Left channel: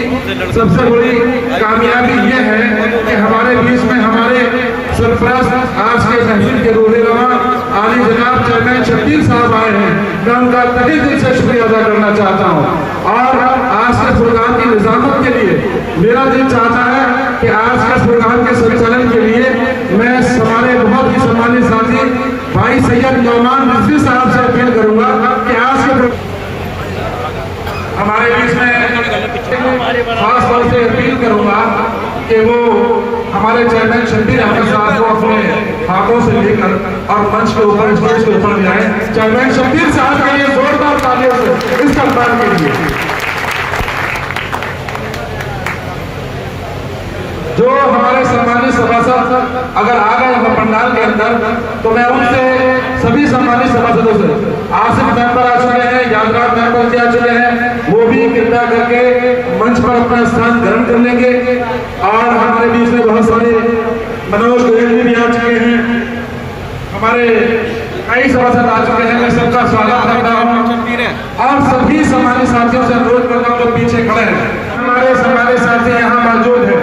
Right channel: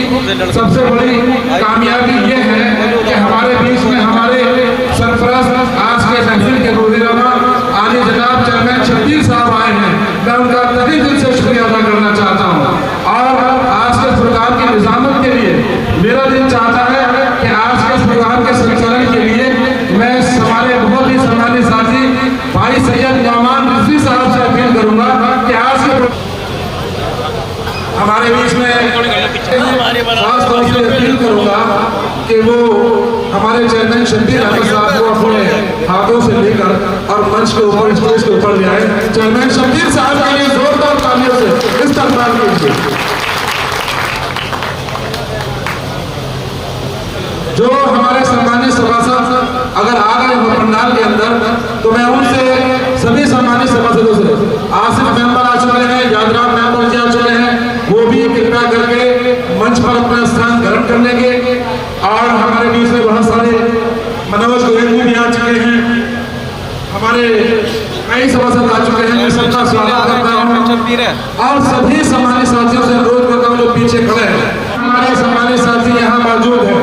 सबसे बड़ी कामयाबी ये है कि हमारे बीच में हमारे सरफराज आज के महफिल के रोज़ेरमा आली जनाब चेयरमैन शब्बीर साहब आए हैं। मैं उनका तहे दिल से शुक्रिया अदा करना चाहता हूँ। और आज के प्रोग्राम की निजामत के लिए मेरा दिल चाहता है कि आज के प्रोग्राम के संचालन के लिए मैं हमारे बहुत ही सम्मानित साथी भाई सैयद नुमान रफी साहब से अपील करूंगा कि आज के हमारे बीच में खास तौर से अपील करूंगा कि वो हमारे चेयरमैन शब्बीर साहब को अपने हाथों से लेकर और मंच के ऊपर स्टेज के ऊपर ले आए। चेयरमैन शब्बीर साहब के लिए जोरदार तालियों से इस्तकबाल कीजिए। जो हमारे सम्मानित सभासद अगर आ गए हो पंडाल के अंदर तो मैं उनसे सभी सम्मानित सभासदों से आसिफ मेंबर आ चुके हैं, यादराम मेंबर आ चुके हैं, वो भी कृपया करके मंच पर अपना स्थान ग्रहण कर लेंगे। और हमारे बीच में बहुत सारे मनोज गोयल भी आ चुके हैं, हमारे कई सभासद आ चुके हैं। मैं सबका स्वागत करता हूँ और सभी सम्मानित साथियों से अनुरोध करता हूँ जो पीछे खड़े हैं हमारे सम्मानित साथी यहाँ मौजूद है,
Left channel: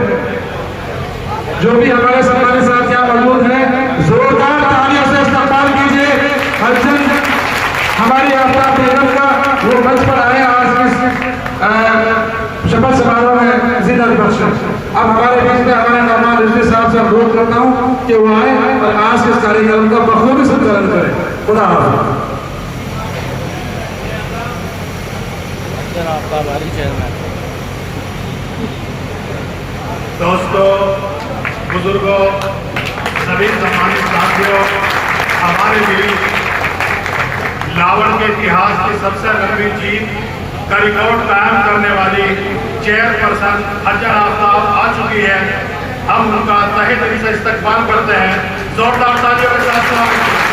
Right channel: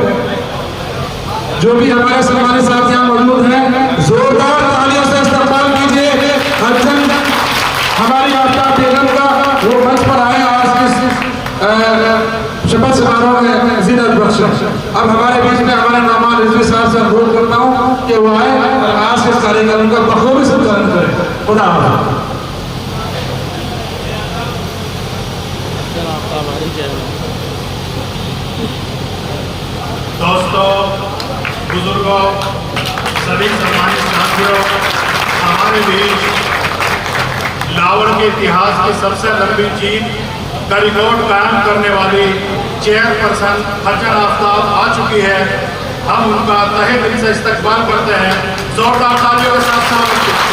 जो भी हमारे सम्मानित साथी यहाँ मौजूद हैं, जोरदार तालियों से इस्तकबाल कीजिए। हमारी आपका बेगम का वो मंच पर आए आज की शपथ समारोह में जीनत बख्श। अब हमारे बीच में हमारे नुमान रफी साहब से अनुरोध करता हूँ कि वो आए और आज के कार्यक्रम का बखूबी संचालन करें। खुदा हाफ़िज़। दोस्तों, बुजुर्गों, सभी सम्मानित साथियों, हमारे बीच लावड़ के इतिहास की सबसे लंबी जीत का रिकॉर्ड कायम करने वाली चेयरपर्सन हसन आफ्ताब आ चुकी है। हम उनका तहे दिल से इस्तकबाल करते हैं। जोरदार तालियों के साथ स्वागत करें।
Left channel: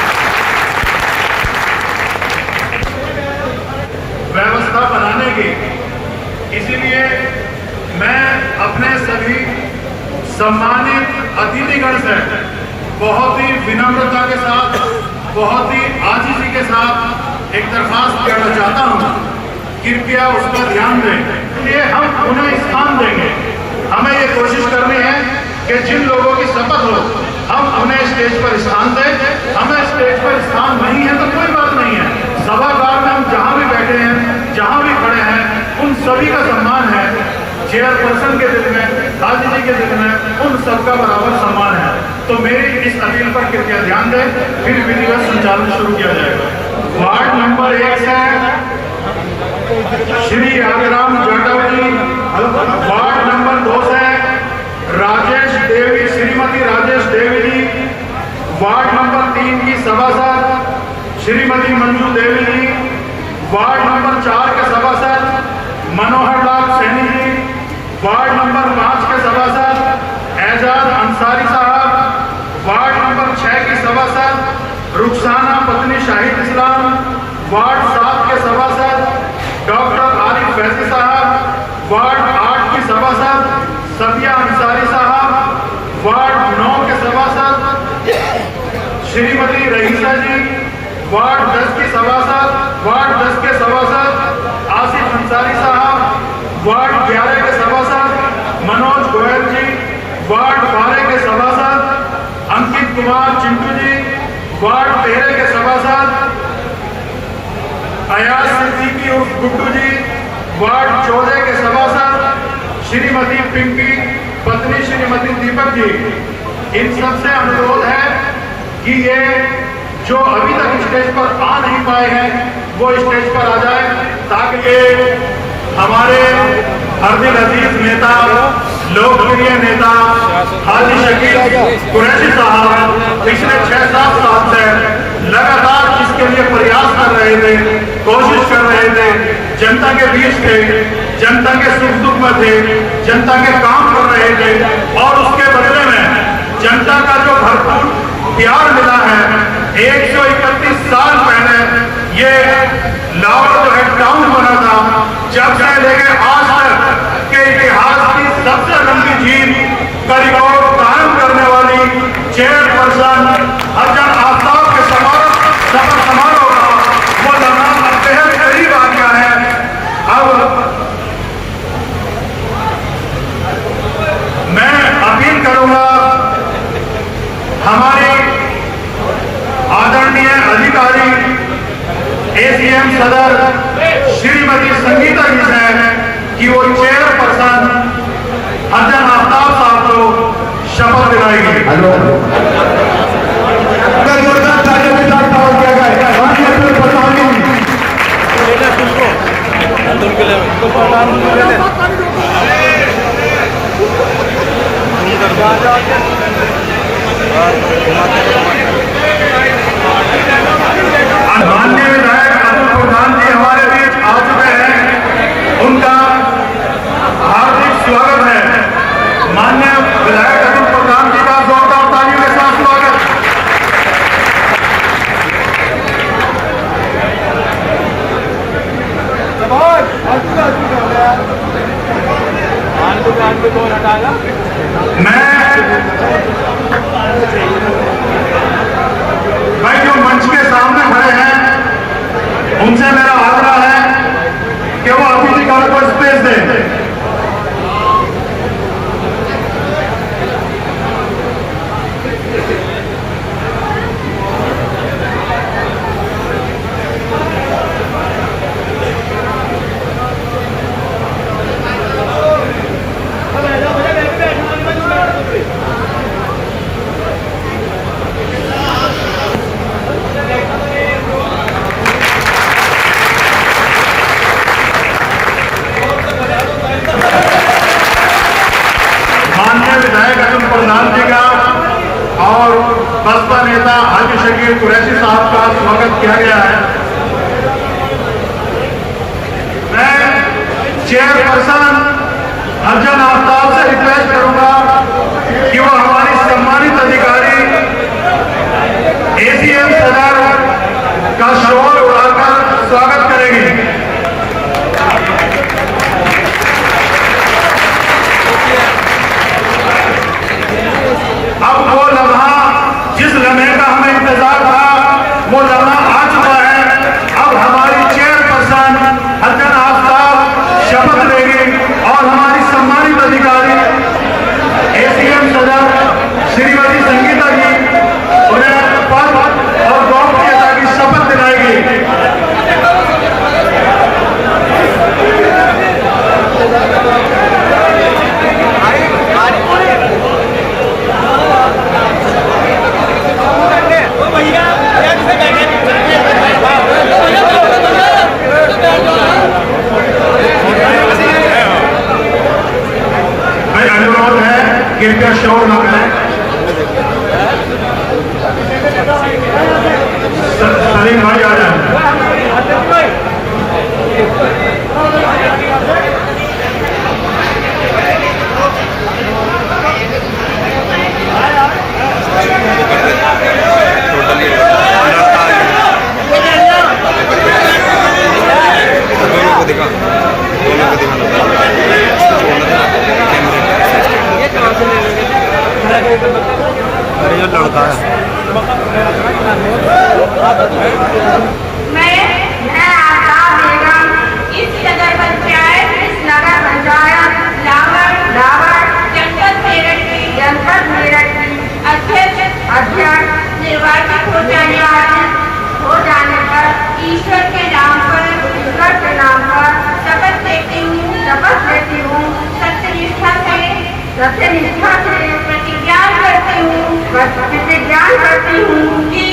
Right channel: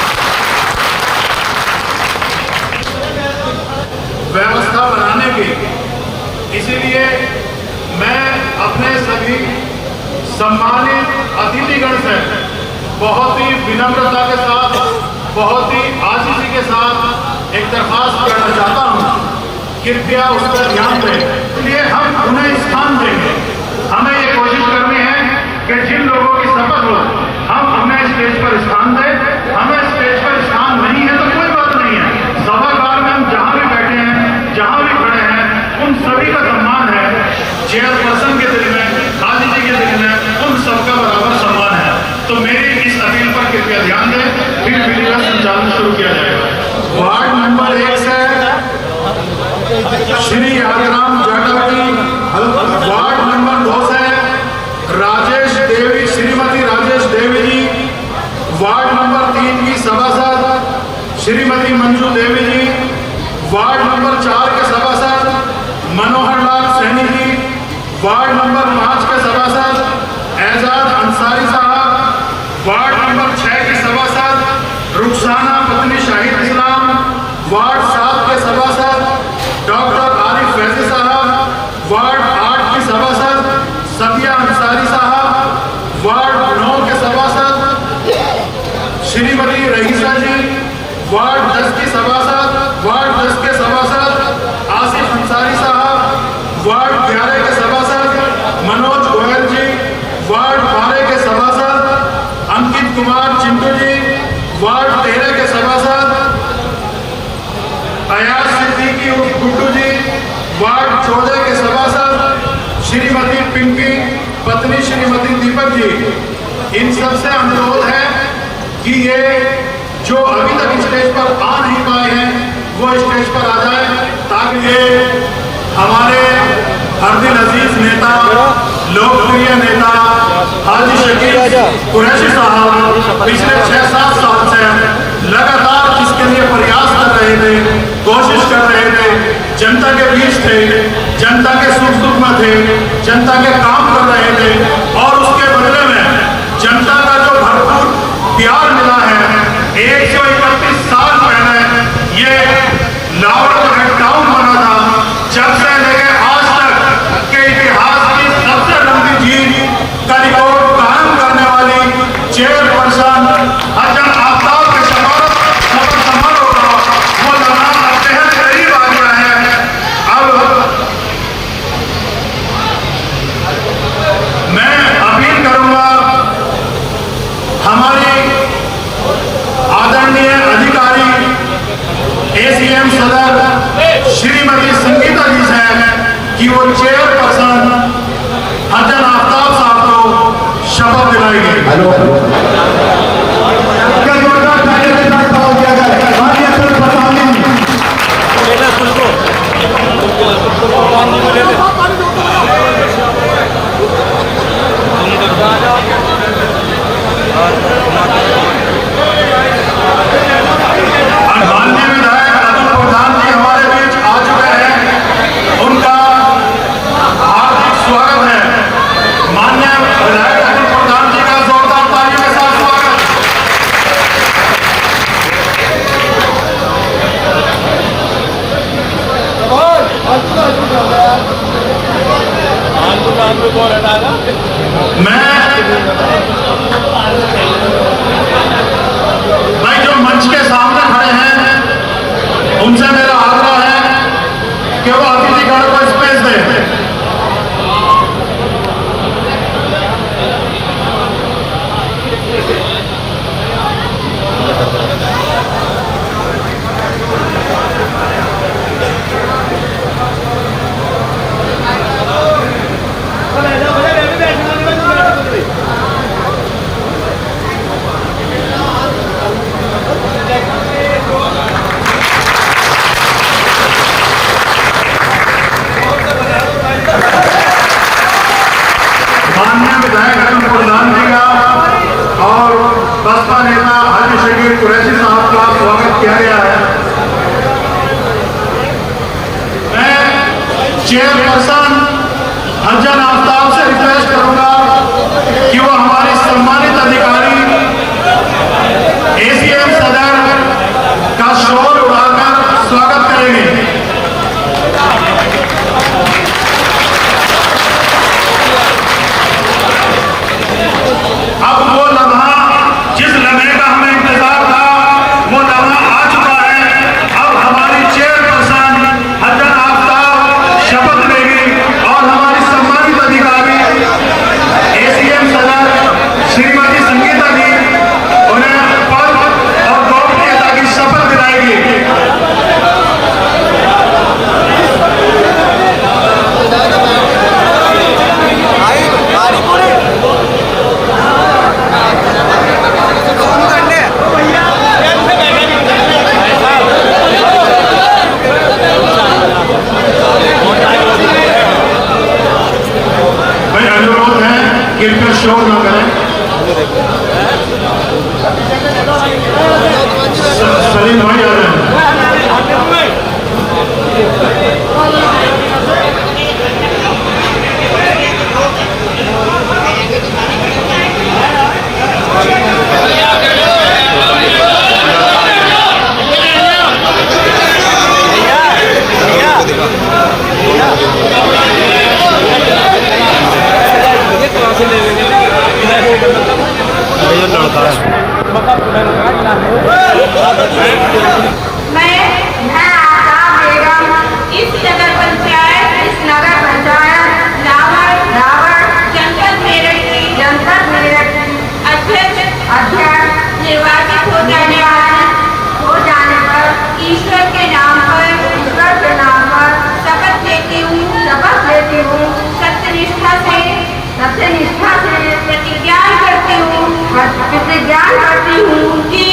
व्यवस्था बनाने की, इसीलिए मैं अपने सभी सम्मानित अतिथिगण से बहुत ही विनम्रता के साथ, बहुत ही आजीजी के साथ एक दरखास्त करना चाहता हूँ, कृपया उस पर ध्यान दें। इसलिए हम उन्हें स्थान देंगे। हमें ये कोशिश करनी है कि जिन लोगों की शपथ हो हम उन्हें स्टेज पर स्थान दें। हमें स्टेज पर स्थान नहीं है तो कोई बात नहीं है, सभागार में हम जहाँ भी बैठे हैं, जहाँ भी खड़े हैं, उन सभी का सम्मान है। चेयरपर्सन के दिल में, हाजी जी के दिल में उन सबका बराबर सम्मान है। तो मेरी इस अपील पर कृपया ध्यान दें, फिर विधिवत संचालन शुरू किया जाएगा। वार्ड नंबर 1 से श्री यादराम जाटव जी, वार्ड नंबर 2 से राजेश देवी, श्रीमती राजेश देवी जी, वार्ड नंबर 3 की सभासद श्रीमती मंजू देवी जी, वार्ड नंबर 4 के सभासद मनोहर लाल सैनी जी, वार्ड नंबर 5 के सभासद एजाज अंसारी साहब, वार्ड नंबर 6 की सभासद रुखसाना पत्नी शाहिद इस्लाम, वार्ड 7 के सभासद डॉक्टर आरिफ फैजी साहब, वार्ड 8 की सभासद सदिया अंसारी साहब, वार्ड 9 के सभासद श्रीमती रईसा जी, वार्ड 10 की सभासद के सभासद आसिफ अंसारी साहब, वार्ड 11 के सभासद मनोज गोयल जी, वार्ड 12 के सभासद अंकित कुमार चिंटू जी, वार्ड 13 के सभासद अयाज सिद्दीकी गुड्डू जी, वार्ड 14 के सभासद श्रीमती पिंकी पत्नी श्रीमती दीपक जी। इन सबसे अनुरोध है कि ये जो अभी तक स्टेज पर आ नहीं पाए हैं वो स्टेज पर आ जाए, ताकि ये हमारे हरदिल अजीज नेता, लोकप्रिय नेता हाजी शकील कुरैशी साहब पिछले 6-7 साल से लगातार इसके लिए प्रयास कर रहे थे, कोशिश कर रहे थे, जनता के बीच थे, जनता के सुख दुख में थे, जनता के काम कर रहे थे और उसके बदले में जनता का जो भरपूर प्यार मिला है। 131 साल पहले ये लाहौर जो है टाउन बना था, जब से लेके आज तक के इतिहास की सबसे लंबी जीत का रिकॉर्ड कायम करने वाली चेयरपर्सन हसन आफ्ताब के शपथ समारोह का वो जमाना बेहद करीब आ गया है। अब मैं जो मंच के सामने खड़े हैं उनसे मेरा आग्रह है कि वो अतिथिगण को स्पेस दें। माननीय विधायक अरुण प्रधान जी का और बसपा नेता हाजी शकीर कुरैशी साहब का स्वागत किया गया है। मैं चेयरपर्सन हसन आफ्ताब से रिक्वेस्ट करूंगा कि वो हमारी सम्मानित अधिकारी एसीएम सदर का शोर उड़ाकर स्वागत करेंगे। अब वो लम्हा जिस लम्हे का हमें इंतजार था वो लम्हा आ चुका है। अब हमारी चेयरपर्सन हसन आफ्ताब शपथ लेंगी और हमारी सम्मानित अधिकारी एसीएम सदर श्रीमती संगीता जी उन्हें पद और गोपनीयता की शपथ दिलाएगी। अनुरोध है कृपया शोर न करें। सलीम भाई आ रहे हैं। दोनों को दिखा अरे ये लड़का है। मैं आशा बेगम इस नगर पंचायत इस नगर पंचायत लावर जनपद मेरठ की जनपद मेरठ अध्यक्ष निर्वाचित हो जाने पर ईश्वर के नाम पर शपथ लेती हूँ सत्यनिष्ठा से प्रतिज्ञा करती हूँ कि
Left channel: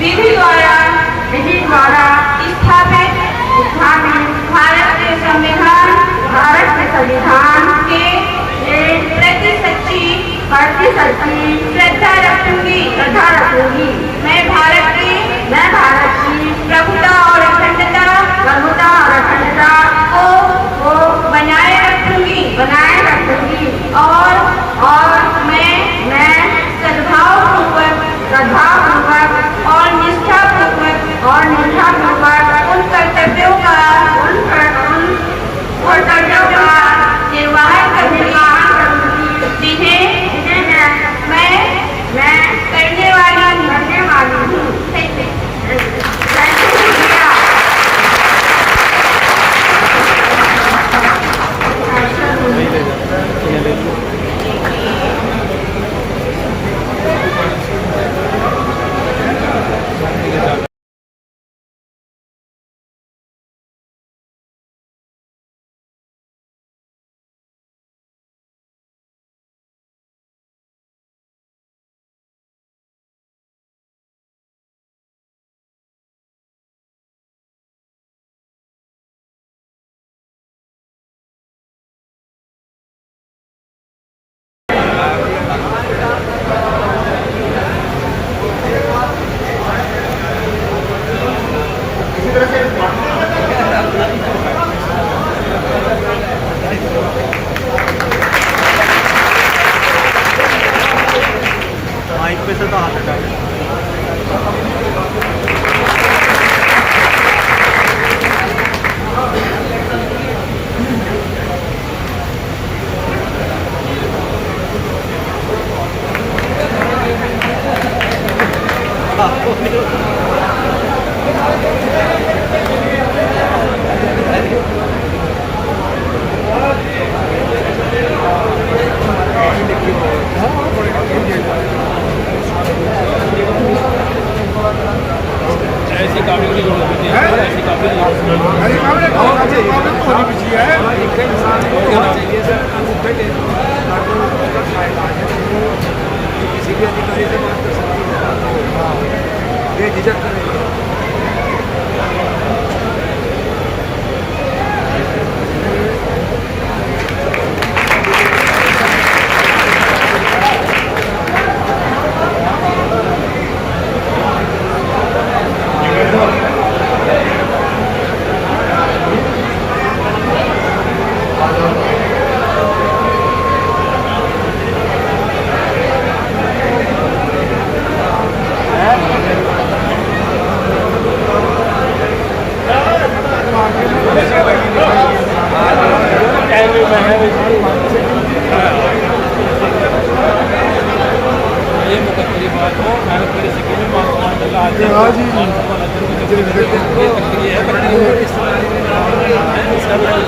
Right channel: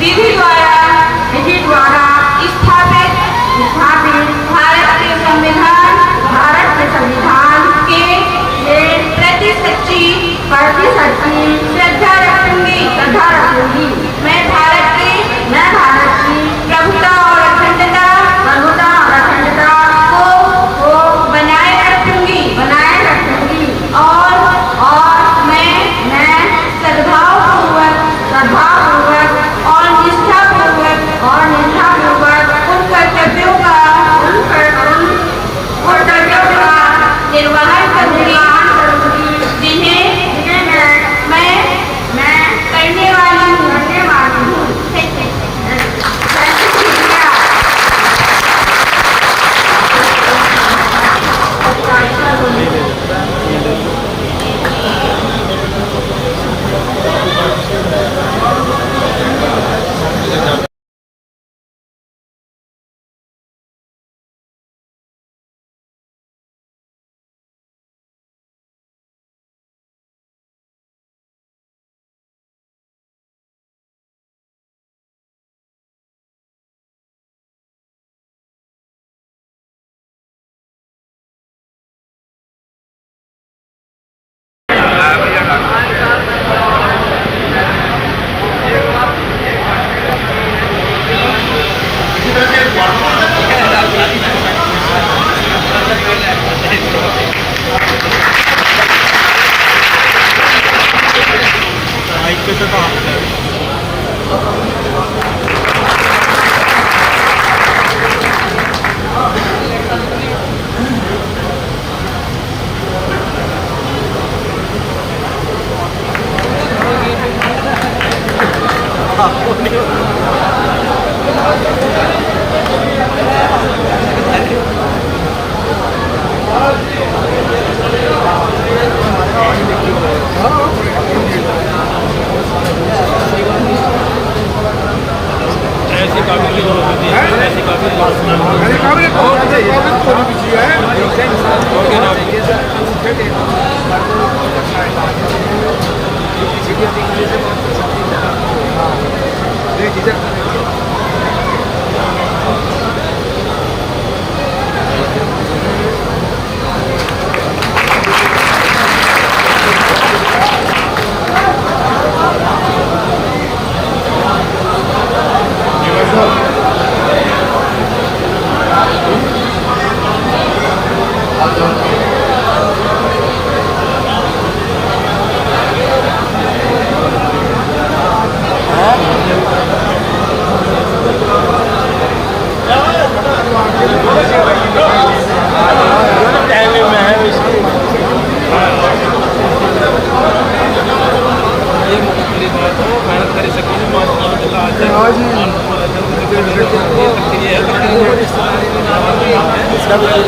विधि द्वारा स्थापित भारत के संविधान के प्रति सच्ची श्रद्धा रखूंगी। मैं भारत की प्रभुता और अखंडता को बनाए रखूंगी और मैं सद्भावपूर्वक और निष्ठापूर्वक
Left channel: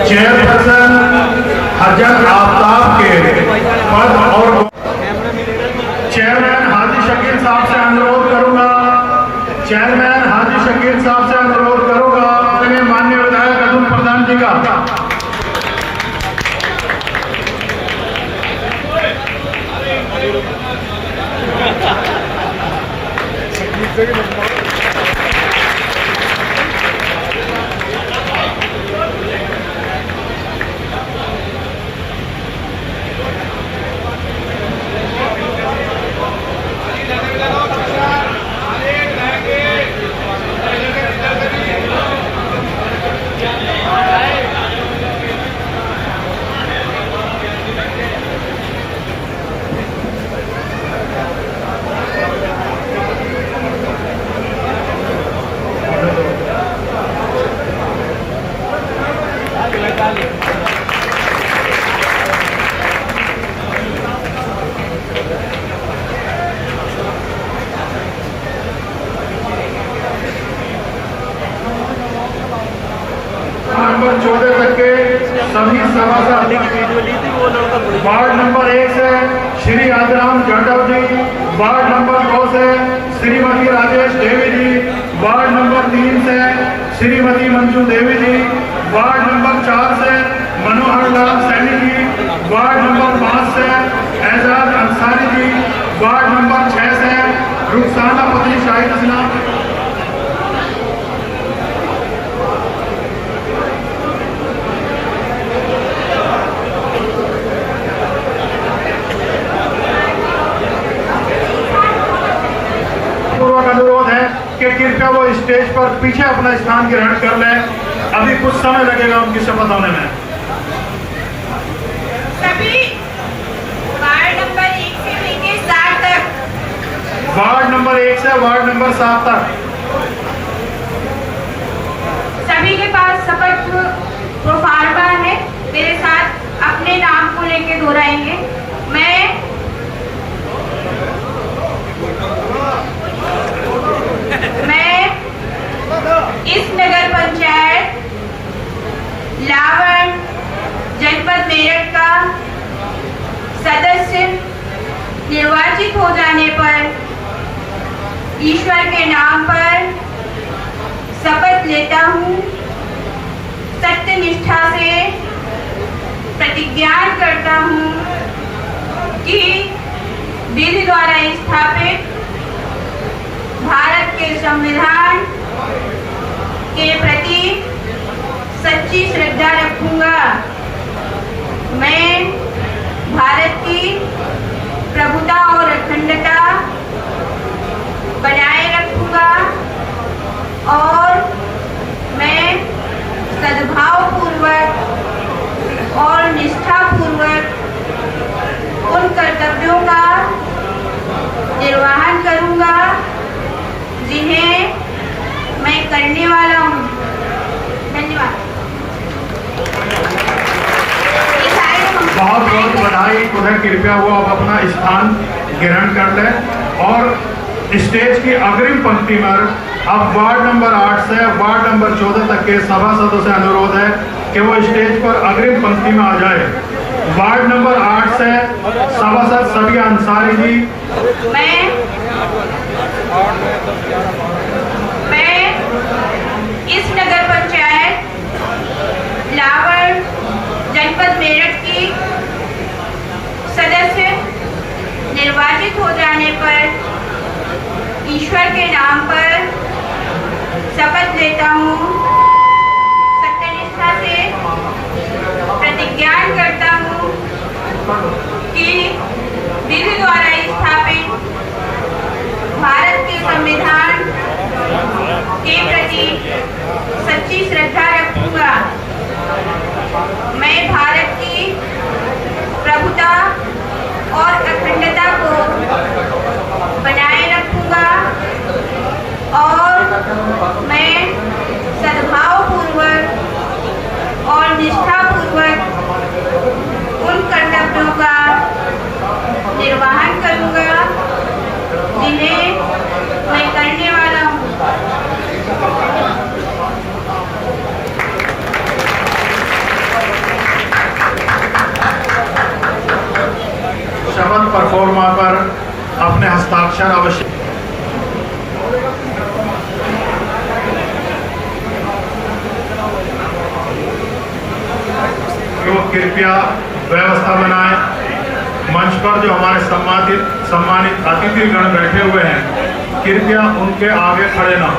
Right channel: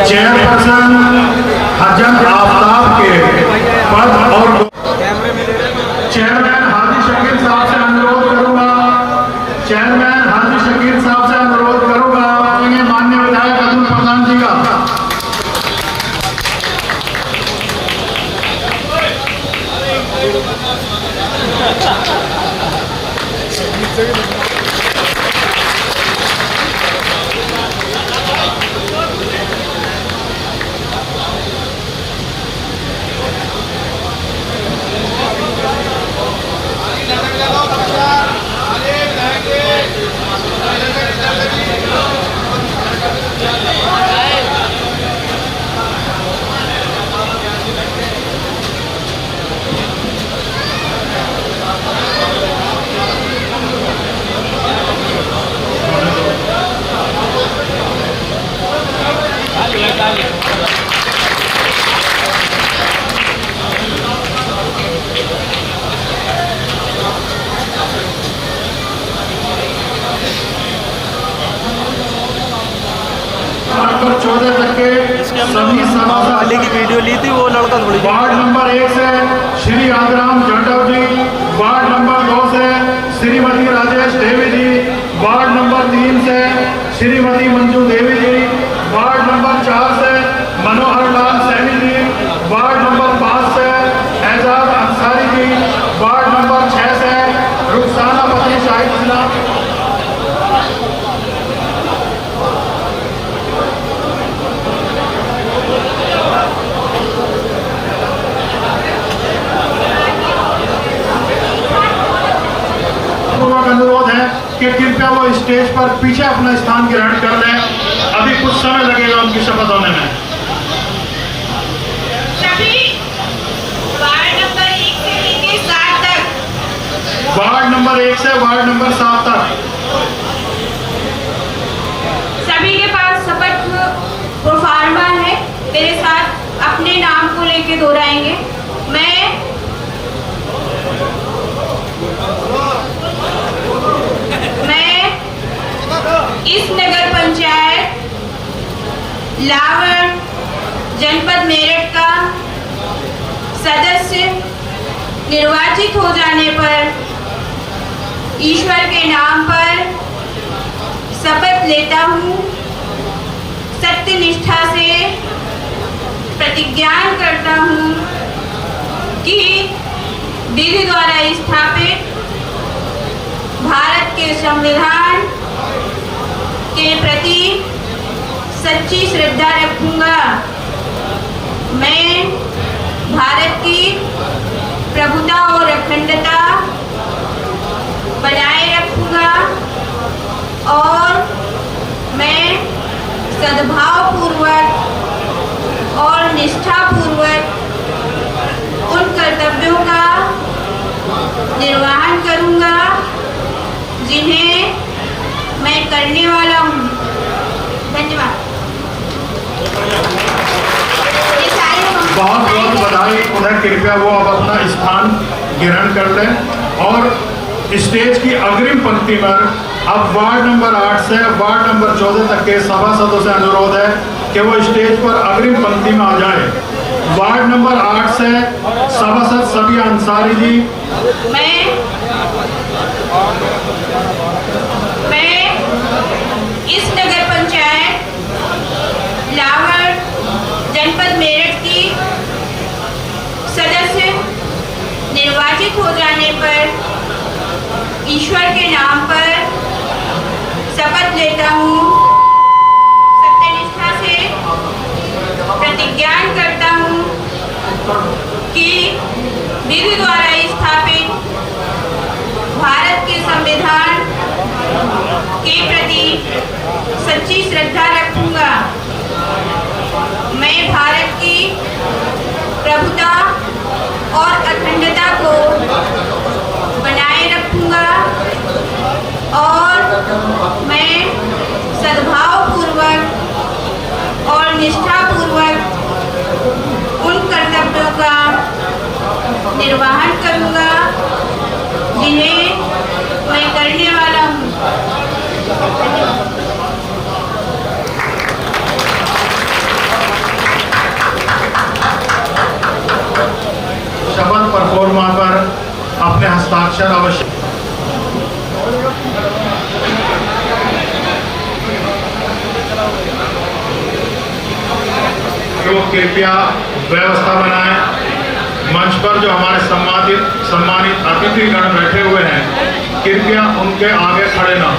चेयरपर्सन हजरत आफ्ताब के पद और चेयरमैन हाजी शकील साहब से अनुरोध करूंगा, चेयरमैन हाजी शकील साहब से अनुरोध करूंगा माननीय विधायक अतुल प्रधान जी का। नंबर 14 तक के सभी सभासद की वीडियो ली थी वो लड़का थोड़ी वार्ड नंबर 1 से श्री आदराम जाटव जी, वार्ड नंबर 2 से श्रीमती राजेश देवी जी, वार्ड नंबर 3 से श्रीमती मंजू देवी जी, वार्ड नंबर 4 से मनोहर लाल सैनी जी, वार्ड नंबर 5 से एजाज अंसारी जी, वार्ड नंबर 6 से रुखसाना पत्नी शाहिद इस्लाम। अनुरोध है कि कृपया वो स्टेज पर पीछे अपना स्थान ग्रहण कर लें, अभी कुछ समय लगेगा उनकी शपथ होने में। सभी वार्ड नंबर 1 से लेकर 7 तक, वार्ड नंबर 1 से वार्ड नंबर 7 तक सभी के पास शपथ प्रोफार्मा है, मेरे साथ अपने नाम को लेके दोहराएंगे। मैं इस नगर पंचायत लावण जनपद मेरठ का सदस्य निर्वाचित हो जाने पर ईश्वर के नाम पर शपथ लेता हूँ, सत्य निष्ठा से प्रतिज्ञा करता हूँ कि विधि द्वारा स्थापित भारत के संविधान के प्रति सच्ची श्रद्धा रखूंगा। मैं भारत की प्रभुता और अखंडता बनाए रखूंगा और मैं सद्भाव पूर्वक और निष्ठा पूर्वक उन कर्तव्यों का निर्वहन करूंगा जिन्हें मैं करने वाला हूँ। धन्यवाद। बहुत बहुत बधाई। उधर कृपया वो अब अपना स्थान ग्रहण कर लें और स्टेज की अग्रिम पंक्ति पर अब वार्ड नंबर 8 से वार्ड नंबर 14 तक के सभासदों से अनुरोध है कि वो स्टेज पर अग्रिम पंक्ति में आ जाए। वार्ड नंबर 8 से सभासद सबिया अंसारी जी। मैं इस नगर पंचायत लावण जनपद मेरठ की सदस्य निर्वाचित हो जाने पर ईश्वर के नाम पर शपथ लेता हूँ, सत्यनिष्ठा से प्रतिज्ञा करता हूँ कि विधि द्वारा स्थापित भारत के संविधान के प्रति सच्ची श्रद्धा रखूंगा। मैं भारत की प्रभुता और अखंडता को बनाए रखूंगा और मैं सद्भाव पूर्वक और निष्ठा पूर्वक उन कर्तव्यों का निर्वहन करूंगा जिन्हें मैं करने वाला हूँ। कृपया व्यवस्था बनाएं। मंच पर जो हमारे सम्मानित अतिथिगण बैठे हुए हैं, कृपया उनके आगे खड़े ना हो।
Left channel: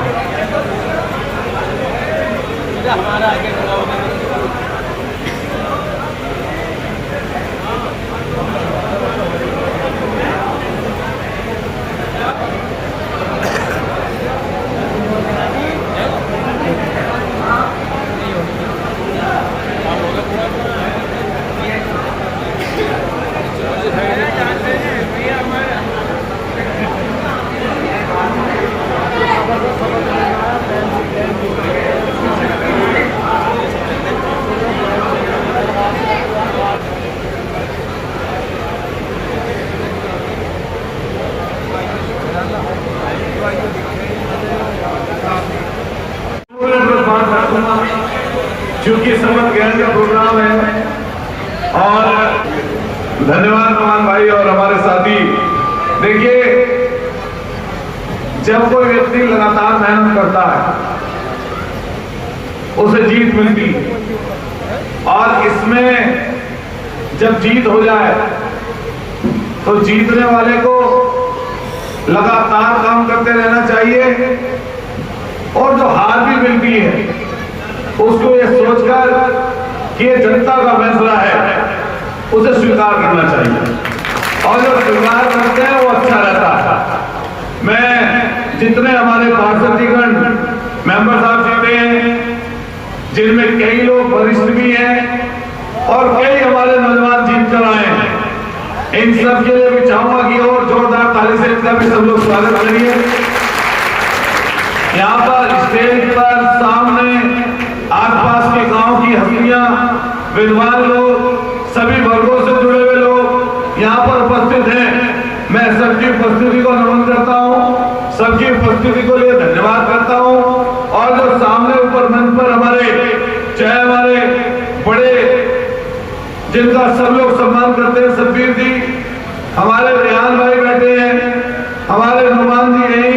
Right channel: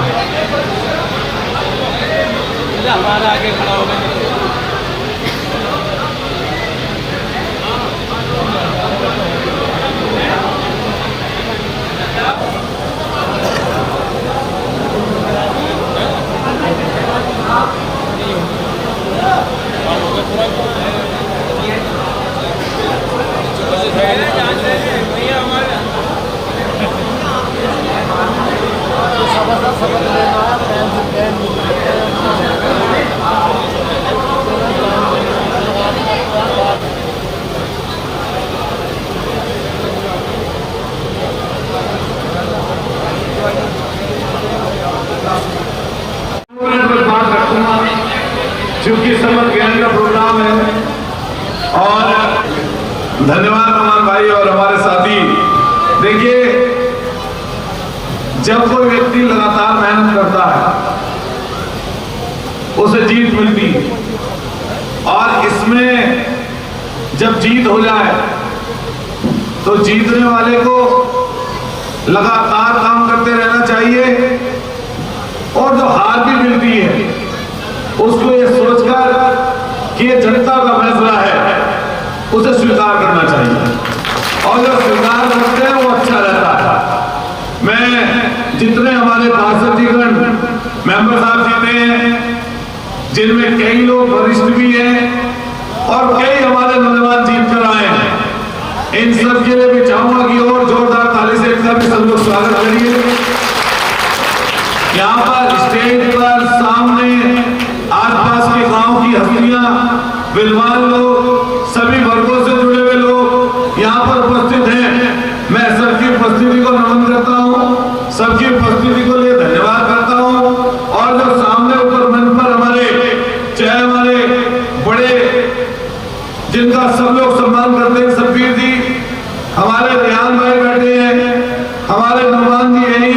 क्योंकि सर्व ज्ञान का प्रोग्राम है। और धन्यवाद कुमार भाई और हमारे साथी। देखिए, जब कोई व्यक्ति लगातार मेहनत करता है उसे जीत मिलती है, और इसमें जब जीत हो जाए तो जीतने वाले को लगातार काम करते रहना चाहिए, और जो हार भी मिलती है उसको ये सोचकर कि ये जनता का फैसला है, उसे स्वीकार करना चाहिए, और जो स्वीकार करते हैं वो अच्छा रहता है। मैं जितने हमारे पार्षदगण मेंबर साहब जीते हैं, जिनमें कई लोग वरिष्ठ भी हैं और कई हमारे नौजवान जीत कर आए हैं, इन सब के लिए भी चाहूंगा कि और जोरदार ताली से इनका भी सब लोग स्वागत करिए। यहाँ पर स्टेज पर सामने आसपास के गांव की हस्तियां, विद्वान लोग, सभी वर्गों से जुड़े हुए लोग यहाँ पर उपस्थित हैं। मैं सबकी उपस्थिति को नमन करता हूँ, सबकी उपस्थिति को लिए धन्यवाद करता हूँ। और जो सामने ऊपर मंच पर चाहे हमारे बड़े, जिनका सब लोग सम्मान करते हैं, सब्बीर जी, हमारे रेहान भाई बैठे हैं, हमारे नुमान जी हैं,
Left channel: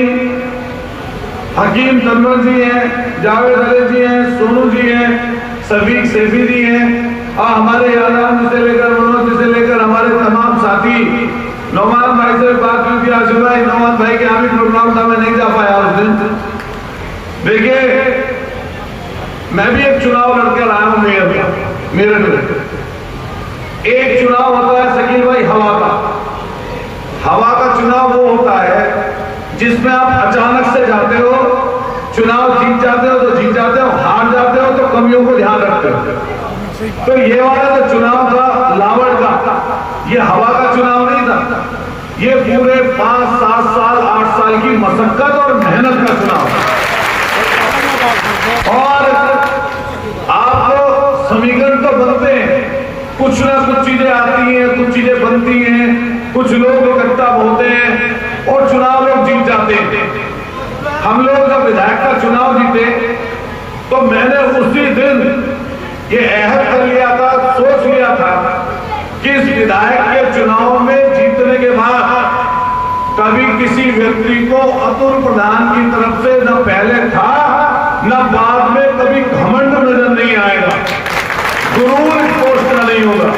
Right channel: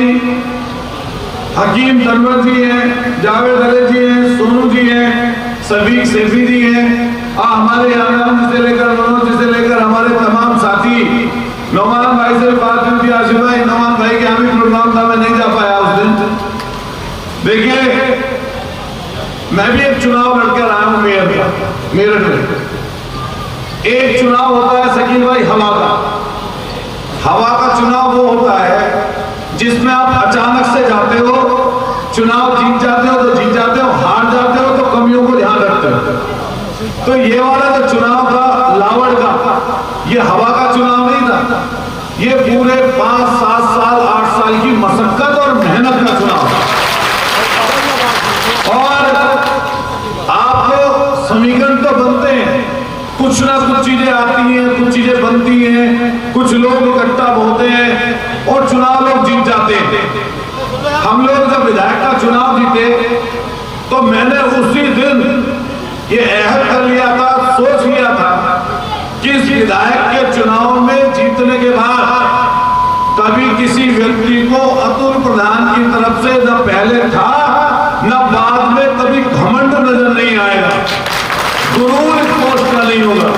हकीम तनवर जी हैं, जावेद अली जी हैं, सोनू जी हैं, सभी सेफी जी हैं, और हमारे याराम से लेकर मनोज से लेकर हमारे तमाम साथी। नौमान भाई से बात हुई थी, आशिफ भाई, नौमान भाई के यहाँ भी प्रोग्राम था, मैं नहीं जा पाया उस दिन। देखिए, मैं भी एक चुनाव लड़कर आया हूँ मेरठ में। एक चुनाव होता है शकील भाई हवा का चुनाव वो होता है जिसमें आप अचानक से जाते हो, चुनाव जीत जाते हो तो जीत जाते हो, हार जाते हो तो कमियों को ध्यान रखते हो। तो ये वाला जो चुनाव था लावड़ का, ये हवा का चुनाव नहीं था, ये पूरे 5, 7 साल 8 साल की मशक्कत और मेहनत का चुनाव था। और आपको समीकरण तो बनते हैं, कुछ ना कुछ चीजें आती हैं, कुछ चीजें बनती हैं, कुछ लोग इकट्ठा होते हैं और चुनाव लोग जीत जाते हैं। हम लोग जब विधायक का चुनाव जीते तो मैंने उसी दिन ये अहद कर लिया था, सोच लिया था कि इस विधायक के चुनाव में जीतने के बाद कभी किसी व्यक्ति को अतुल प्रधान की तरफ से न पहले था न बाद में कभी घमंड नजर नहीं आएगा, गुरूर इस पोस्ट का नहीं होगा।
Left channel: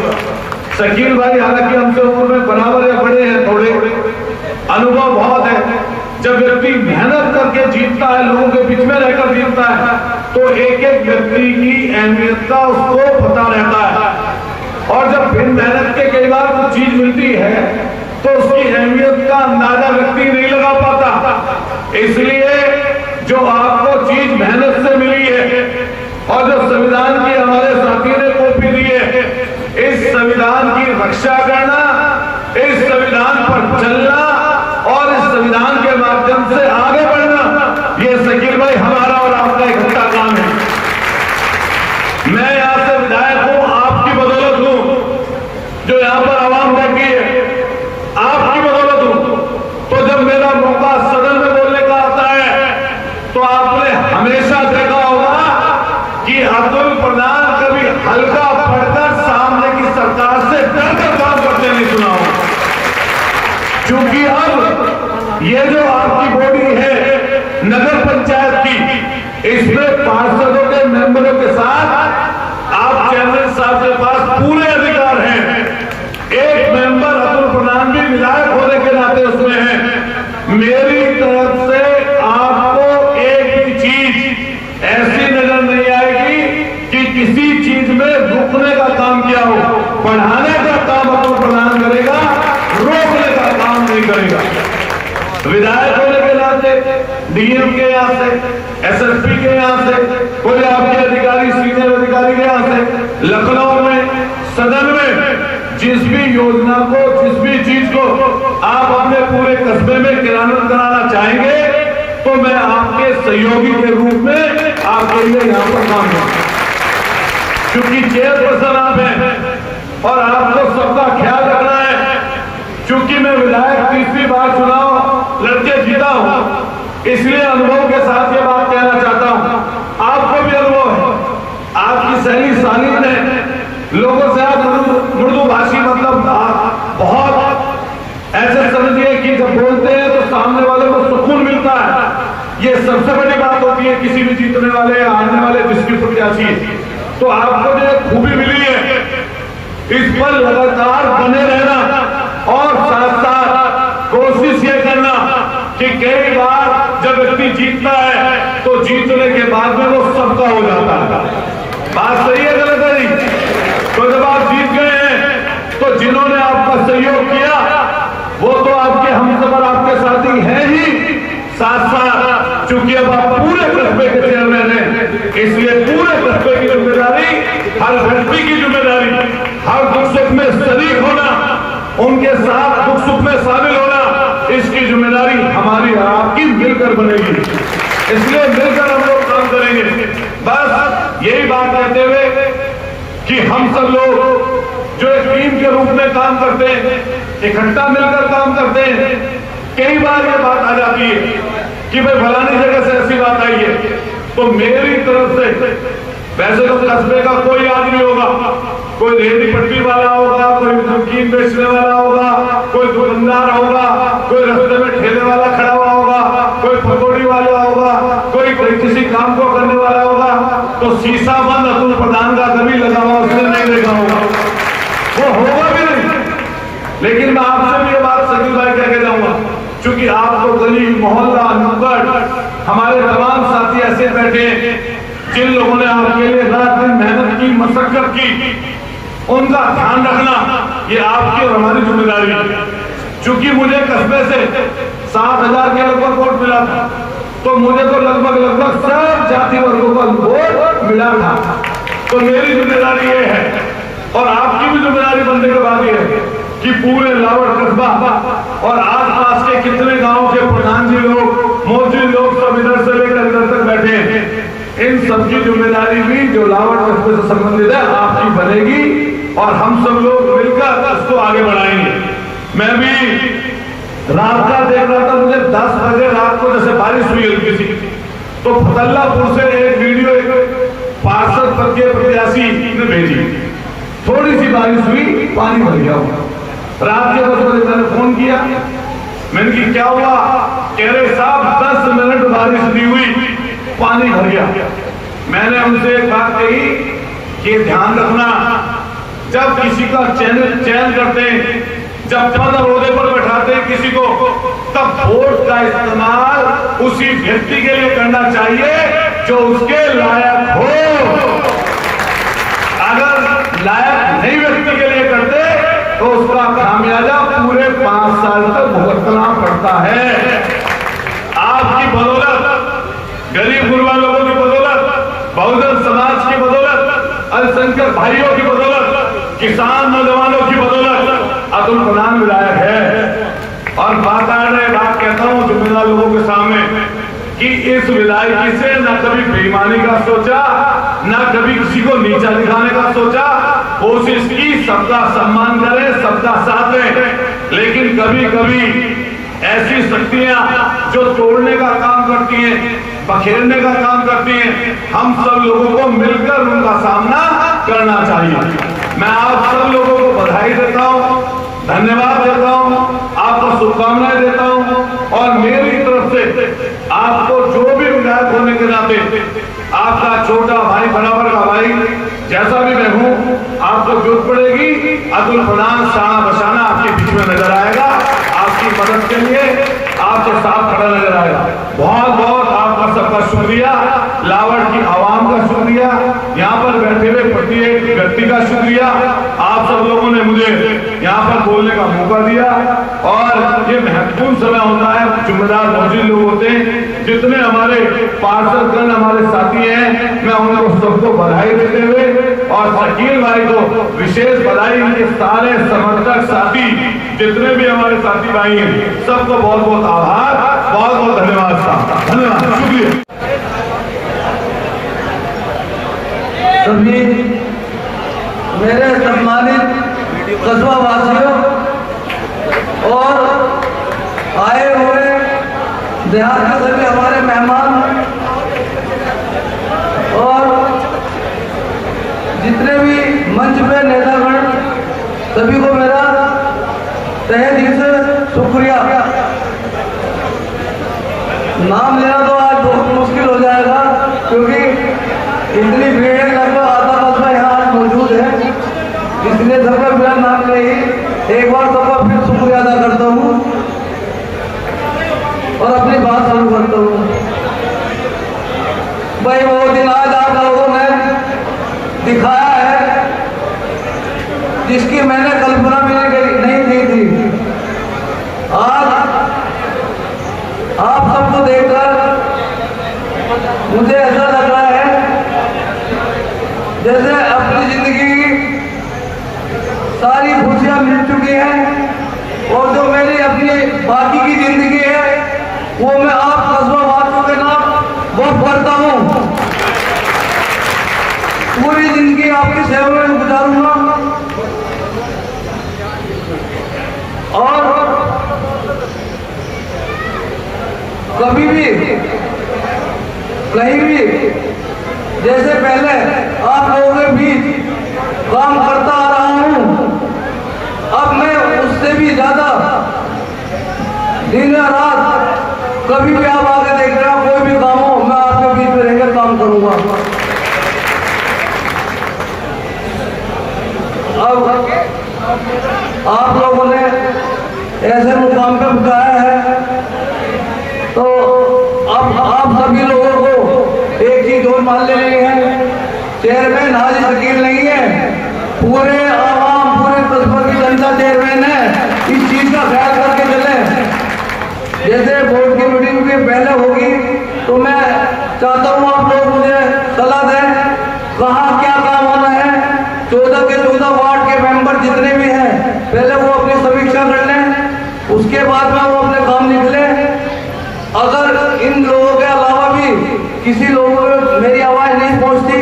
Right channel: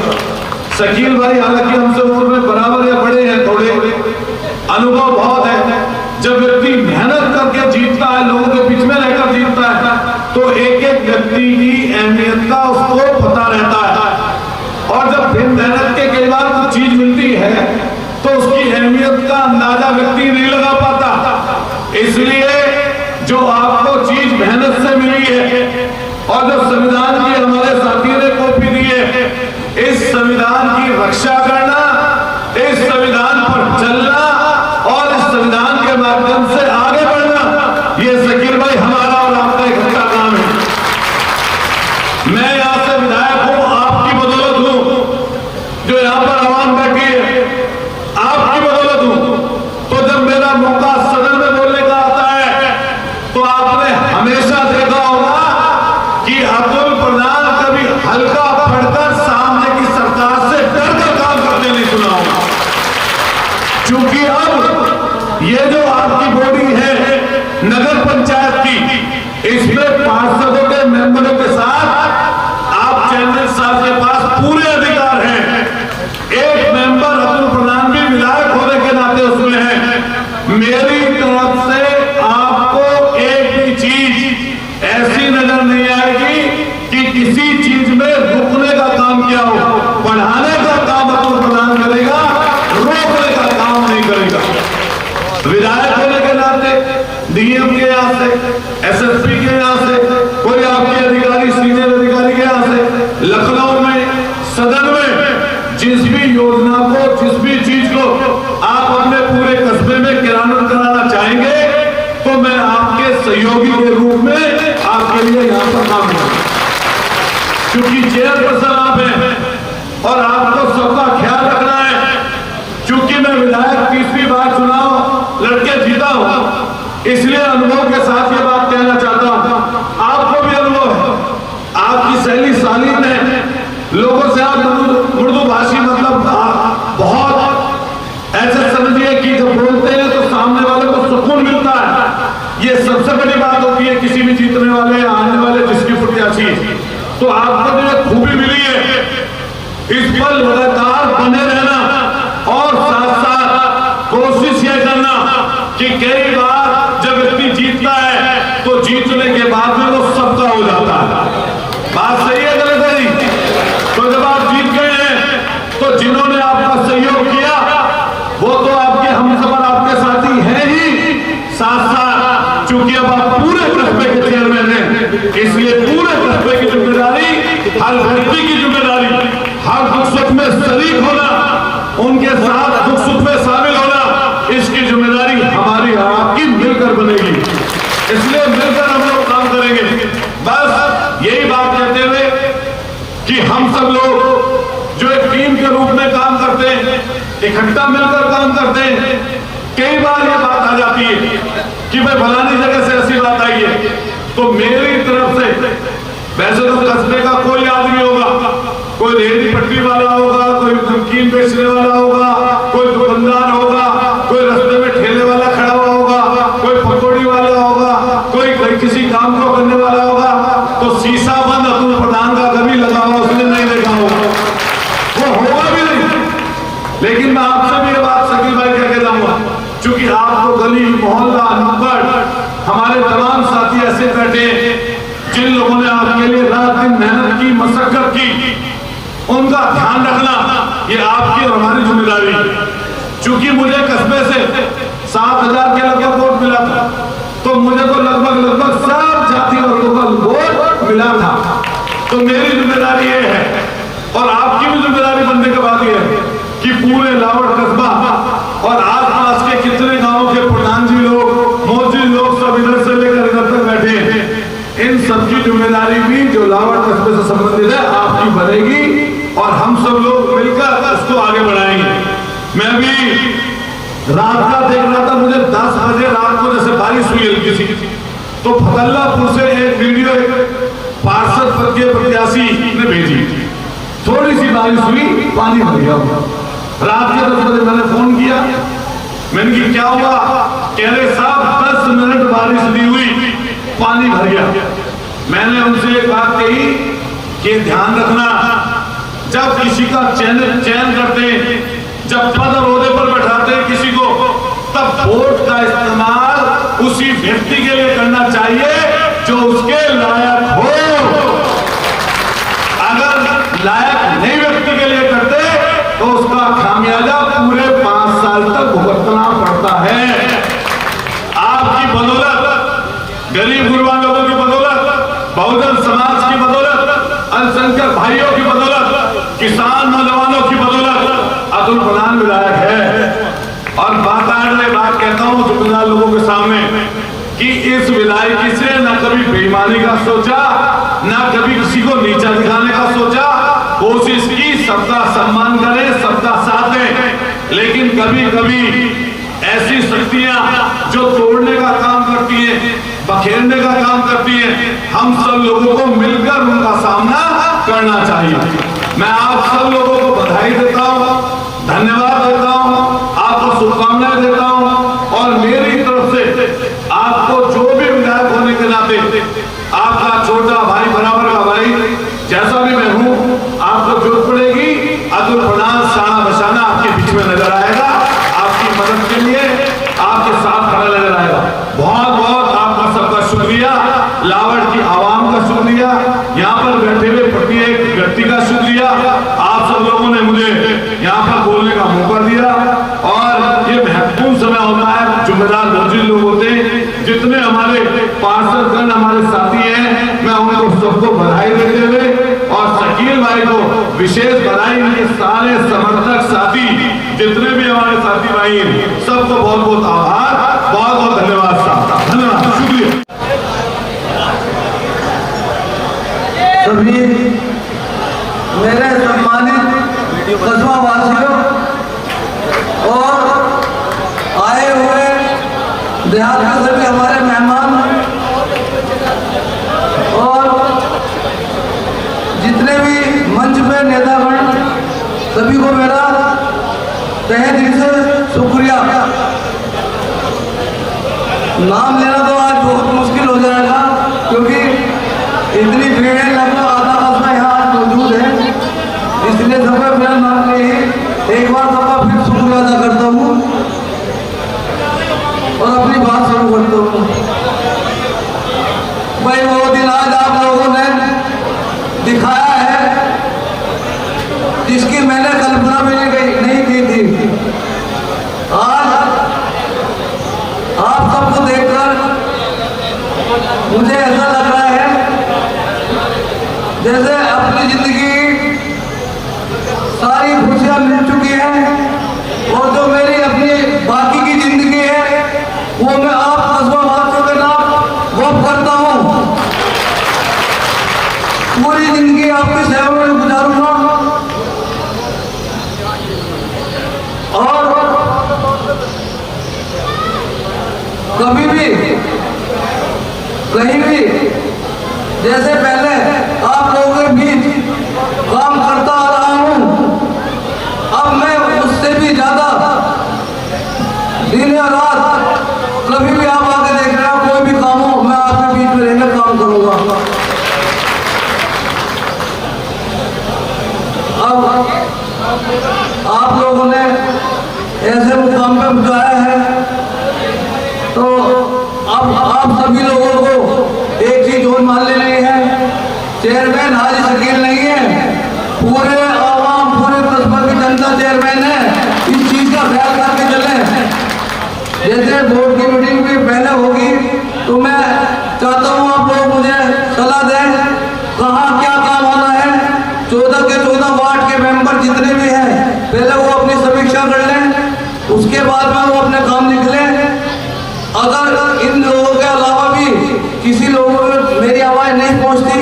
शकील भाई हालांकि हमसे उम्र में बराबर या बड़े हैं, थोड़े अनुभव बहुत है। जब व्यक्ति मेहनत करके जीतता है, लोगों के बीच में रहकर जीतता है, तो एक एक व्यक्ति की अहमियत का उसको पता रहता है। और जब बिन मेहनत के कई बार कुछ चीज मिलती है तो उसकी अहमियत का अंदाजा व्यक्ति नहीं लगा पाता। इसलिए जो आपको चीज मेहनत से मिली है और जो संविधान की हमारे साथी ने कॉपी दी है, इस संविधान की रक्षा करना, इस संविधान पर चलना और इस संविधान के माध्यम से आगे बढ़ना, ये शकील भाई हमारा और आपका इकट्ठा काम है। मैं यहां से विधायक हूं, आपकी बदौलत हूं, जो यहां पर आवाम बैठी है आपकी बदौलत हूं। तो जब मेरा मौका सदन में बोलने का आता है तो आपने हमेशा देखा होगा कि अतुल प्रधान कभी हल्का पढ़कर सामने की सरकार से डरकर काम करते नहीं सुना होगा। क्योंकि अब ये जो आपकी बॉडी है नगर पंचायत की, इसमें पार्षदों के मेंबरों के साथ आप चेयरमैन साहब साहब के पास पूरे अधिकार हैं। एक मेंबर अतुल प्रधान भी विधायक होने के नाते उसमें है। मेरी तरफ से आपको एक भी चीज ऐसी नजर नहीं आएगी कि किसी चीज में रुकने का काम किया हो। बढ़ाने का काम अतुल प्रधान करेगा, रोकने का काम नहीं करेगा। विधायक होने के नाते डीएम के यहाँ से, एसएसपी के यहाँ से, कोई आपके अधिकारी, सीनियर अधिकारी के यहाँ से, लखनऊ में, सदन में जिस भी योजना को, जिस भी चीज को आप अपने पूरे कस्बे में क्रियान्वित कराना चाहेंगे तो मैं आपके सहयोगी के रूप में आपके लिए यहाँ पर काम करूंगा। क्योंकि चेयरपर्सन आप हैं और आपको सबका ख्याल रखना है। क्योंकि मैं विधायक 30वीं बार चुनाव लड़के जीता हूं, इसलिए अनुभव के साथ ये बात कहना चाहता हूं। आपको भी अनुभव है, आपकी सहेली सालिन ने लोगों से आप उर्दू भाषी मतलब बहुत ऐसे समझिए कि जब बोलते हैं तो सामने वाले को सुकून मिलता है। ये सबसे बड़ी बात होती है किसी भी जीतने वाले, आने वाले, जिसकी प्रत्याशी। तो आपको जो खूबी मिली है, इस पर लगातार बने रहना और साथ साथ कोशिश ये करना कि कई बार जब व्यक्ति जीतता है तो जीतने के बाद में वो सबका हो जाता है। बात सही है गलत है? तो जब आप जीत गए हैं तो जिन्होंने आपका सहयोग किया वो तो आपके हमसफर, आपके साथी हैं ही। साथ साथ चूंकि अब आप पूरे कस्बे के चेयरमैन हैं, इसलिए पूरे कस्बे की जिम्मेदारी, हर व्यक्ति की जिम्मेदारी, हर दुख सुख में शरीक होना, उनके साथ दुख सुख में शामिल होना, इसकी जिम्मेदारी हमारी और आपकी मिलकर बनेगी। इसलिए मिलकर हम लोग काम करेंगे। बस यही बात कहते हुए कि हम सब लोग जो एक टीम के रूप में काम करते हैं, इकट्ठा मिलकर काम करते हैं। कई बार ये बात आ जाती है कि भाई फलानी जगह से ऐसी बात आई है, तो मेरी तरफ से, वैसे तो कस्बे का कोई आदमी होगा, कोई रेहड़ी पट्टी वाला होगा, कोई नमकीन बेचने वाला होगा, कोई दुकानदार होगा, कोई रास्ते में ठेले वाला खड़ा हुआ होगा, कोई पकौड़ी वाला होगा, कोई किसी काम को करने वाला होगा, तो शीशा बंद अतुल प्रधान का कभी लगा हुआ उसने नहीं देखा होगा, वो होगा भी नहीं। लेकिन मैं आपसे भी ये बात शकील भाई कह के जाऊंगा, क्योंकि आपको गली, मोहल्ला, नुक्कड़, हमारे तमाम साथी ऐसे बैठे जिन लोगों ने आपके लिए रात दिन मेहनत की, मशक्कत की, उनका ध्यान रखना ये आपकी और हमारी जिम्मेदारी है। क्योंकि मुझे कस्बे से 7,000 के लगभग वोट मिला था, तो मुझे तो लगभग सब जाति वर्गों का वोट मिला था। तो मेरी जिम्मेदारी ये है और आपकी भी जिम्मेदारी बनने के बाद ये है कि पूरे लावड़ कस्बा और आसपास के कितने गांवों के प्रधान जी लोग, मोदी लोग सब इधर से लेकर इधर तक बैठे हैं, इन सबकी जिम्मेदारी भी जो लावड़ कस्बे से संबंधित है आपकी बनेगी और हम सब लोग मिलकर इसको आगे बढ़ाएंगे। मैं भी रात का देख रहा था, मुझे 10 बजे रात को जैसे बारिश हुई हल्की सी, तो फतल्लापुर से एक वीडियो पार्षद पद के प्रत्याशी ने भेजी, थोड़ी सी बारिश हुई, पानी भर गया। रात के 10 बजे मैंने फोन किया, मैंने कि क्या हुआ? कह रहे साहब 10 मिनट बारिश नहीं हुई, पानी भर गया। मैंने उनसे एक बात कही कि ध्यान रखना, जब किसी का चयन करते हैं, जब पद और ओहदे पर बैठाते हैं किसी को, तब वोट का इस्तेमाल उसी व्यक्ति के लिए करना चाहिए जो उसके लायक हो। अगर लायक नहीं व्यक्ति के लिए करते तो उसका खामियाजा पूरे 5 साल तक भुगतना पड़ता है। आपकी बदौलत, गरीब गुरबा लोगों की बदौलत, बहुजन समाज की बदौलत, अल्पसंख्यक भाइयों की बदौलत, किसान नौजवानों की बदौलत अतुल प्रधान विधायक है। और बात कहता हूं जिम्मेदार लोगों के सामने कि इस विधायकी से न कभी बेईमानी का सोचा, न कभी किसी को नीचा दिखाने का सोचा। कोशिश की सबका सम्मान करें, सबका साथ दें, लेकिन कभी कभी ऐसी शक्तियां जो तोड़ने का काम करती हैं, बखेरने का काम करती हैं, हम सब लोगों को मिलकर उनका सामना करना चाहिए। मैं आप सब लोगों को बधाई देता हूं, धन्यवाद देता हूं, आपको शुभकामनाएं देता हूं और मेरी तरफ से आपको जो भी विधायक होने के नाते आपका छोटा भाई, बराबर का भाई, जैसा भी मैं हूं, प्रधान शाना बशाना आपके बीच में नजर आएगा, आपकी मदद के लिए आपके साथ खड़ा नजर आएगा। बहुत बहुत आपका सबका शुक्रिया, लावड़ की आवाम का शुक्रिया, यहाँ पर बैठे हुए प्रत्येक व्यक्ति का शुक्रिया। आप सब लोगों ने मुझे यहाँ पर बोलने का मौका दिया और ये महत्वपूर्ण समय होता है, जिम्मेदार मंत्री लोग होते हैं, जितने हमारे पार्षदगण हमारे साथी हैं, मैं उनको सबको बधाई देते हुए और शकील भाई को विशेष बधाई, इनके सारे समर्थक साथी जितने भी हमारे साथी भाई हैं, सबको बहुत बहुत आभार, बहुत बहुत धन्यवाद साहब, धन्यवाद, शुक्रिया। सभी मेरे सम्मानित कस्बा वासियों और आए हुए देहात के सभी हमारे मेहमान और जितने भी मंच पे नेतागण, सभी को मेरा तहे दिल से शुक्रिया। नाम लेना तो आज बहुत मुश्किल हो जाएगा क्योंकि इतनी भीड़ है, लगभग आधा कस्बा यहाँ मौजूद है, इसलिए सबका मेरा नाम नहीं, एक बार सबका फिर शुक्रिया अदा करता हूँ और अपनी बात शुरू करता हूँ। भाई वो दिन आज आप लोगों ने दिखाया है जिसकी मैंने कल्पना भी नहीं की थी। आज आप सबको देखकर मुझे ऐसा लग रहा है जैसे अपनी जिंदगी सारी खुशियां मिल चुकी हैं और जो मेरी अपनी बाकी की जिंदगी है वो मैं आप कस्बा वासियों के नाम वक्फ करता हूँ। पूरी जिंदगी आपकी सेवा में गुजारूंगा और कभी भी कहीं भी जैसे पहले आप लोगों के बीच काम करता आ रहा हूं, अब मैं उससे भी ज्यादा दिन और रात कभी भी आप आके देख रहे हो, कोई भी काम हो मैं आपके बीच में रहकर काम करूंगा। अब आप लोगों ने ऐसे मुकाम पे पहुंचाया है तो अब आप सभी लोगों को एक चीज और मान लेनी है, चेयरमैन हाजी शकील नहीं है, पूरे आवाम पूरे कस्बा की जनता चेयरमैन है। इस चीज का ख्याल करके चले। जैसे बोर्ड की मीटिंग भी पहले होगी तो मैं चाहता हूँ आप लोग मुझे सलाह दें कहाँ क्या काम होना है। 14 के 14 वार्ड के मेंबर जितने भी हैं पहले वो अपनी समीक्षा कर लें, उसके बाद में वो अपने काम निकले। अगर इन लोगों के अलावा भी किसी लोगों को मेरी आवाज नहीं पहुंचती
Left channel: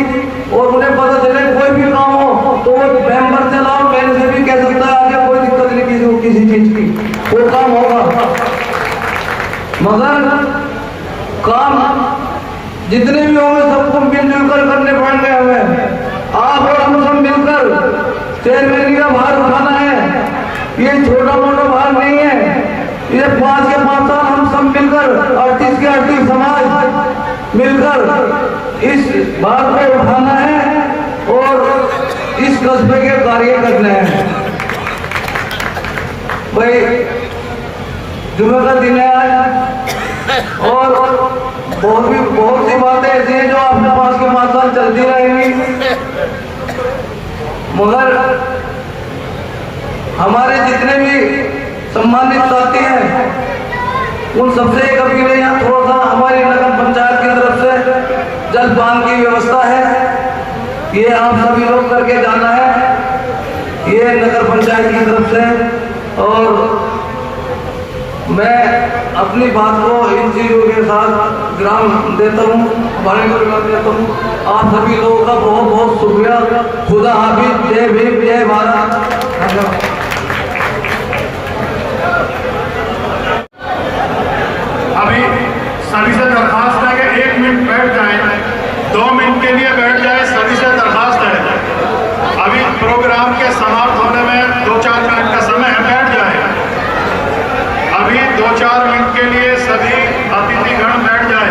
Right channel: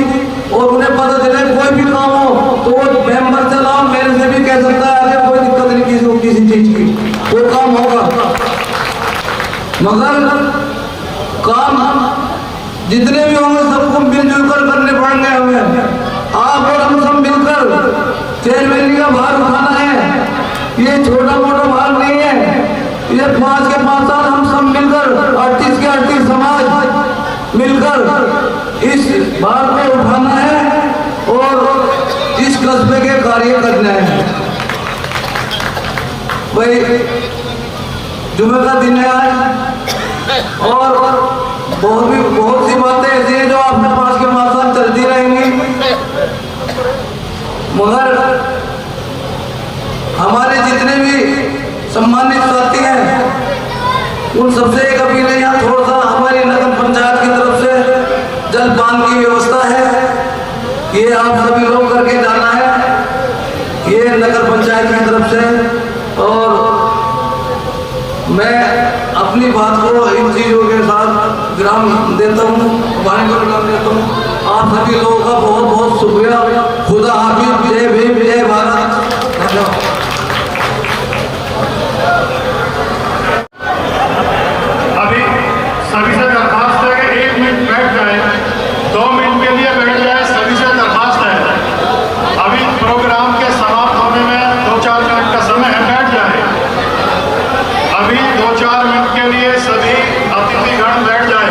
और उन्हें पता चले कोई भी काम हो तो वो मेंबर से लाओ, मेरे से भी कह सकता है कि कोई दिक्कत नहीं किसी चीज की, वो काम होगा। मगर काम जितने भी होंगे सबको मिलजुल कर करने पड़ेंगे हमें। आप और हम सब मिलकर चेयरमैन का भार उठाना है, ये छोटा मोटा भार नहीं है। ये 5 के 5 साल हम सब मिलकर 38 के 38 समाज मिलकर इस भार को उठाना है और इस कस्बे के कार्य करने हैं। भाई जुमे का दिन है आज और बहुत सी बातें ऐसी हैं जो अपने पास के 5 साल चलती रहेंगी, मगर हमारे जितने भी सम्मानित साथी हैं उन सबसे एक अपील है, यहाँ थोड़ा सा हमारी नगर पंचायत की तरफ से जलपान की व्यवस्था है, ये आप सभी लोग करके जाना है, ये नगर पंचायत की तरफ से। और मैं अपनी बात को इन चीज़ों के साथ विराम देता हूँ, वाणी को विराम देता हूँ। आप सभी लोगों का बहुत बहुत शुक्रिया। खुदा हाफिज, जय भीम, जय भारत। अभी सभी से दरखास्त है कि 1 मिनट बैठ जाए, 2 मिनट के लिए बैठ जाए, सभी से दरखास्त है। अभी प्रोग्राम के समाप्त होने में 2-4 मिनट का समय है, बैठ जाए। अभी 2-4 मिनट के लिए सभी अतिथिगण बैठ जाए।